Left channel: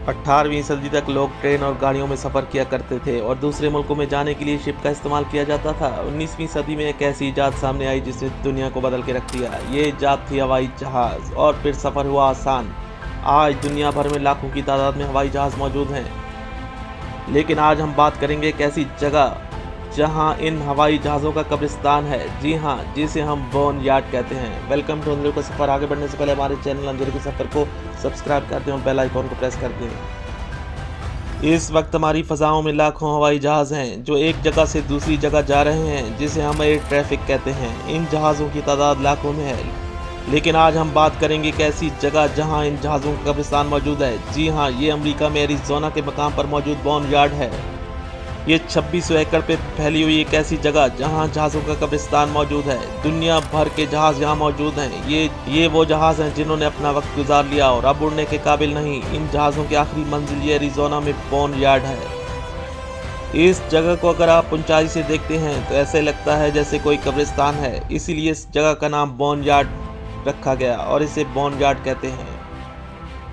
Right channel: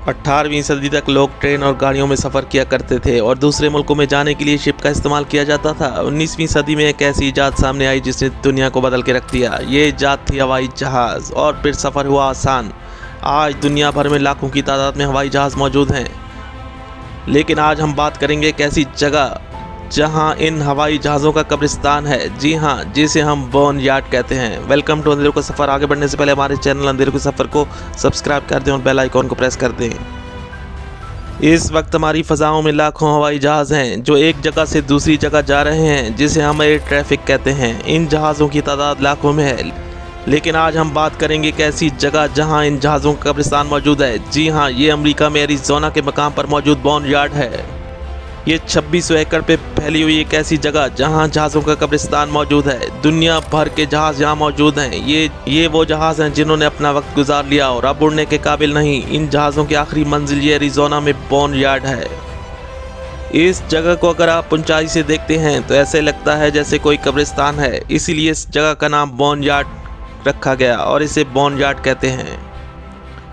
18वीं सदी तक लोग ट्रेन और गाड़ियों में सफ़र किया करते थे और दूसरे मुल्कों में जाने के लिए शिप का इस्तेमाल किया जाता था। 19वीं सदी में एक ऐसी इजाद सामने आई जिसने दुनिया को बदल के रख दिया। ये इजाद थी हवाई जहाज़ और फिर सफ़र हुआ आसान। आज दुनिया भर में लाखों की तादाद में हवाई जहाज़ मौजूद हैं, लेकिन आज हम बात करेंगे एक ऐसी जगह जहां इन हवाई जहाज़ों का कब्रिस्तान है। जी हां, जिसे हम बोर्न यार्ड कहते हैं। वेलकम टू अंधेरों का सफ़र। आगे बढ़ने से पहले हमारे चैनल अंधेरों के सफ़र को सब्सक्राइब कर दें और बेल आइकॉन को प्रेस कर दें। इस वक्त हमारी फ़ज़ाओं में लाखों हवाई जहाज़ हैं जो एक जगह से दूसरी जगह जा रहे हैं, जिसे हम एयर ट्रैफिक कहते हैं। इन जहाज़ों की तादाद लाखों में है, लेकिन आज हम बात करेंगे एक ऐसी जगह जहां इन जहाज़ों का कब्रिस्तान मौजूद है। जी हां, ये अमेरिका में एरिज़ोना के मकाम पर मौजूद बोर्न यार्ड है। ये 2600 एकड़ पे फैली हुई एक ऐसी जगह जहां जहाज़ों का कब्रिस्तान मौजूद है। दुनिया भर के जहाज़ यहाँ मौजूद हैं। ये वो जहाज़ हैं जिन्होंने अपना वक्त गुजार लिया और अब उड़ने के काबिल नहीं। इन जहाज़ों की आखिरी मंजिल ये एरिज़ोना में बोर्न यार्ड है। इस जगह को अगर आप ऊंचाई से देखते हैं तो ऐसे लगता है जैसे कोई कब्रिस्तान है, इसीलिए इस जगह का नाम बोर्न यार्ड रखा गया और इसे बोर्न यार्ड कहते हैं।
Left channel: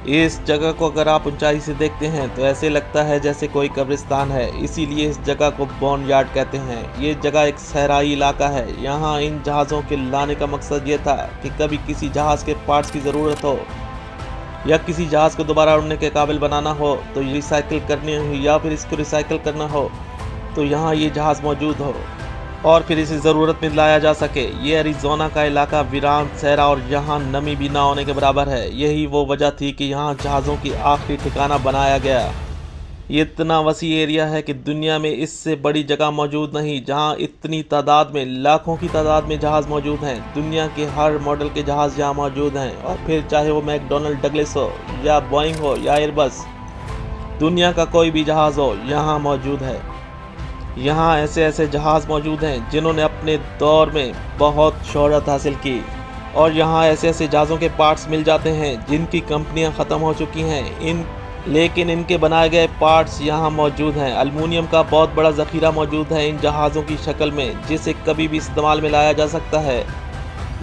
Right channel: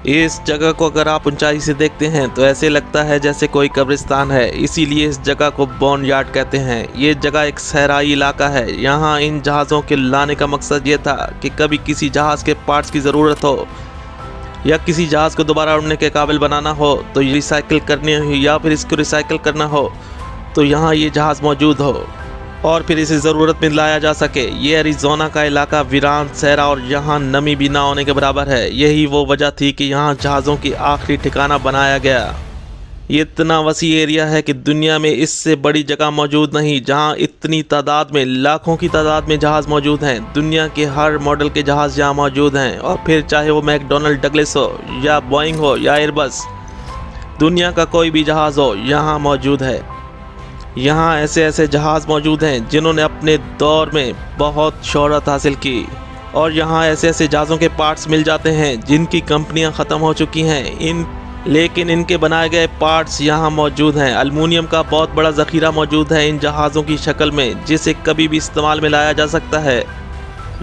इस जगह को अगर आप ऊंचाई से देखते हैं तो ऐसे लगता है जैसे कोई कब्रिस्तान है, इसीलिए इस जगह को बोर्न यार्ड कहते हैं। ये जगह एक सहराई इलाका है। यहाँ इन जहाज़ों के लाने का मकसद ये था कि कभी किसी जहाज़ के पार्ट्स की ज़रूरत हो या किसी जहाज़ को दोबारा उड़ने के काबिल बनाना हो तो रिसाइकिल करनी हो, या फिर इसको रिसाइकिल करना हो तो यहाँ ये जहाज़ मौजूद हो और फिर इसे ज़रूरत में लाया जा सके। ये एरिज़ोना का इलाका वीरान, सहरा और यहाँ नमी भी ना होने के बराबर है। यही वो वजह थी कि यहाँ जहाज़ों की आखिरी ठिकाना बनाया गया। ये इतना वसी एरिया है कि दुनिया में इससे बड़ी जगह मौजूद नहीं जहाँ इतनी तादाद में, लाखों की तादाद में जहाज़ मौजूद हैं। दुनिया के हर मॉडल के जहाज़ यहाँ मौजूद हैं, और फिर चाहे वो मैकडोनल्ड डगलस हो या बोइंग हो या एयरबस, दुनिया का कोई भी जहाज़ हो यहाँ मौजूद है। यहाँ ऐसे ऐसे जहाज़ मौजूद हैं जिन्होंने अपने दौर में बहुत शोहरत हासिल की, और यहाँ ऐसे ऐसे जहाज़ों के पार्ट्स मिल जाते हैं जिनकी कंपनियाँ ख़त्म हो चुकी हैं। लेकिन इनके बनाए गए पार्ट्स यहाँ मौजूद हैं। अलमुनियम का बहुत बड़ा ज़ख़ीरा मौजूद है इन जहाज़ों की शक्ल में, जिसे कभी भी इस्तेमाल में लाया जा सकता है।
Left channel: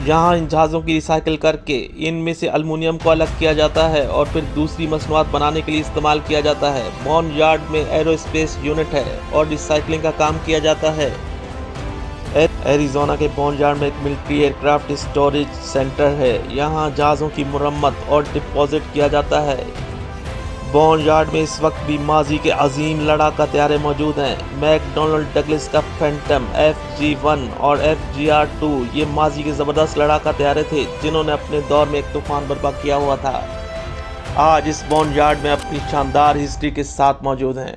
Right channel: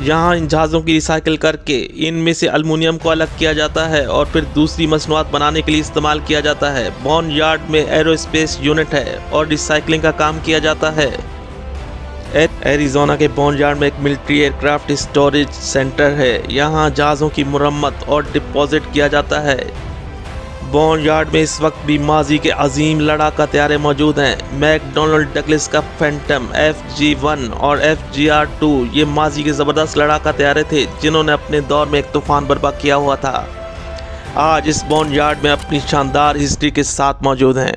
यहाँ इन जहाज़ों की रिसाइकिल करके इनमें से अलमुनियम को अलग किया जाता है और फिर दूसरी मसनूआत बनाने के लिए इस्तेमाल किया जाता है। बोर्न यार्ड में एरोस्पेस यूनिट है और रिसाइकलिंग का काम किया जाता है। एरिज़ोना के बोर्न यार्ड में एक मिलिट्री एयरक्राफ्ट स्टोरेज सेंटर है। यहाँ जहाज़ों की मुरम्मत और डिपॉजिट किया जाता है। बोर्न यार्ड में इस वक्त भी माजी के अजीम लड़ाका तैयारे मौजूद हैं। मैकडोनल्ड डगलस का फैंटम FG-1 और FGR-2 ये माजी के ज़बरदस्त लड़ाका तैयारे थे जिन्होंने अपने दौर में एक तूफान बर्पा किया हुआ था। आज इस बोर्न यार्ड में अपनी शानदार हिस्ट्री के साथ मौजूद हैं।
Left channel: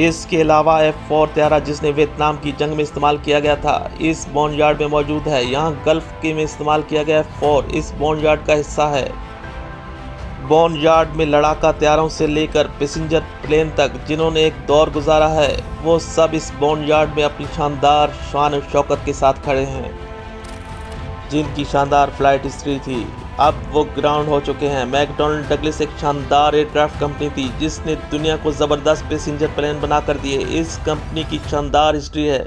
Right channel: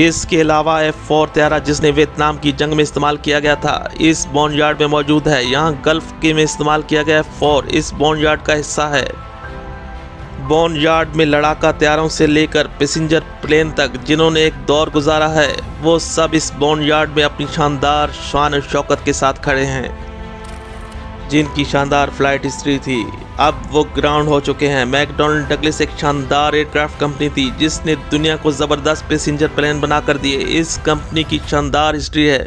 इसके अलावा F-4 तैयारा जिसने वियतनाम की जंग में इस्तेमाल किया गया था, इस बोर्न यार्ड में मौजूद है। यहाँ गल्फ के में इस्तेमाल किया गया F-4 इस बोर्न यार्ड का हिस्सा है। बोर्न यार्ड में लड़ाका तैयारों से लेकर पैसेंजर प्लेन तक जिन्होंने एक दौर गुजारा है, वो सब इस बोर्न यार्ड में अपनी शानदार शान और शौकत के साथ खड़े हैं। जिनकी शानदार फ्लाइट हिस्ट्री थी, अब वो ग्राउंड हो चुके हैं। मैकडोनल्ड डगलस एक शानदार एयरक्राफ्ट कंपनी थी जिसने दुनिया को ज़बरदस्त पैसेंजर प्लेन बना कर दिए। इस कंपनी की शानदार हिस्ट्री है।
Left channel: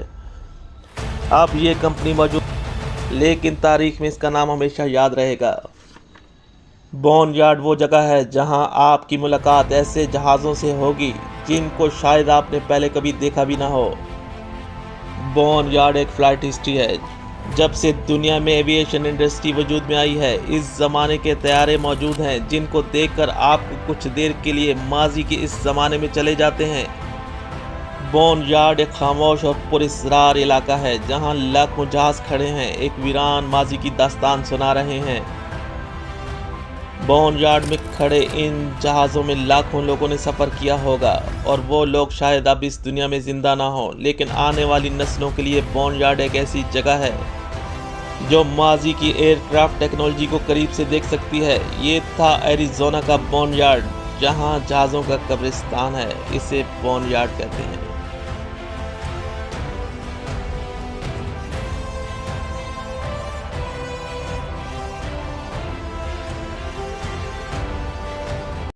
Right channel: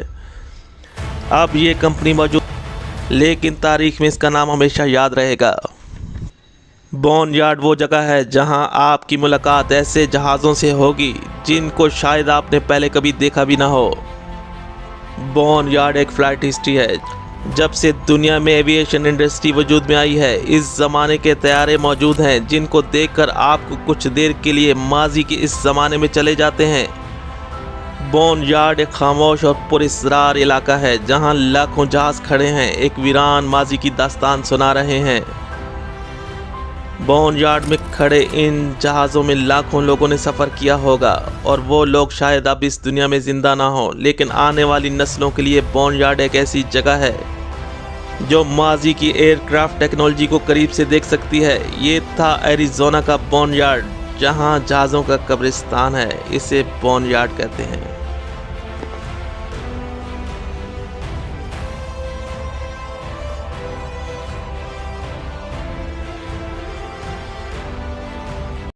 अब ये कंपनी मौजूद, लेकिन तारीख में इसका नाम हमेशा याद रहेगा। बोर्न यार्ड वो जगह है जहां आपकी मुलाकात ऐसे जहाज़ों से होगी जिनको शायद आपने पहले कभी देखा भी ना हो। बोर्न यार्ड एक फ़्लाइट हिस्ट्री है। जब से दुनिया में एविएशन इंडस्ट्री वजूद में आई है, इस ज़माने के तैयारे मौजूद हैं जिनको देखकर आपको कुछ देर के लिए माजी के इस ज़माने में चले जाते हैं। बोर्न यार्ड एक खामोश और पुरअसरार इलाका है जहां लाखों जहाज़ खड़े हैं, एक वीरान माजी की दास्तान सुना रहे हैं। बोर्न यार्ड में खड़े इन जहाज़ों में लाखों लोगों ने सफ़र किया होगा, और वो लोग शायद अब इस दुनिया में ज़िंदा ना हो, लेकिन आने वाली नस्लों के लिए बोर्न यार्ड एक ऐसी जगह है जो माजी की एयरक्राफ्ट टेक्नोलॉजी को करीब से देख सकती है। ये था एरिज़ोना का बोर्न यार्ड जहां जहाज़ों का कब्रिस्तान है। इसे बोर्न यार्ड कहते हैं।